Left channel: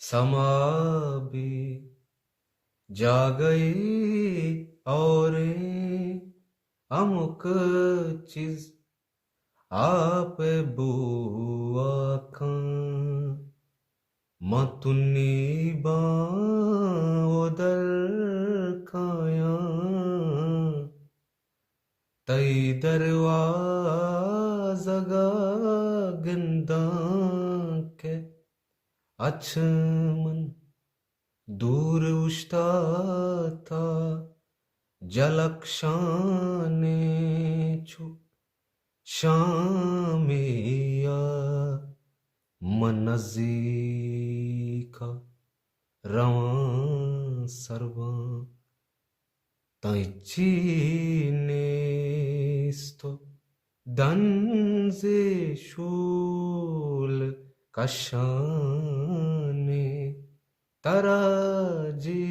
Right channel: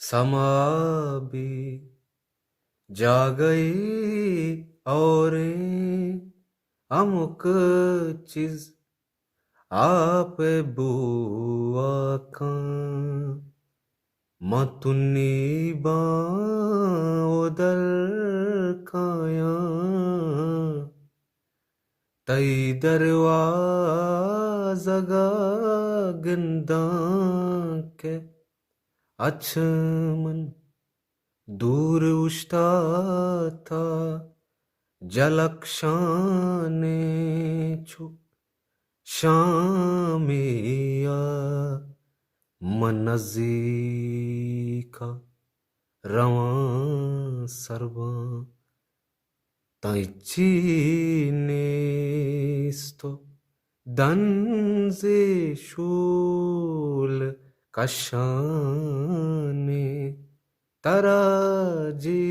समा भी जा गई और अमुक चीज आप बुआ खां मतुनी बादल खाया तई दरवाज़ा गिंदा के अचमन दूर उश्ता था जलक्षाने छु शामिया मनज़ीका रवां सरवां ताई चीनेस्तो दंजे शूल कशाने तराजी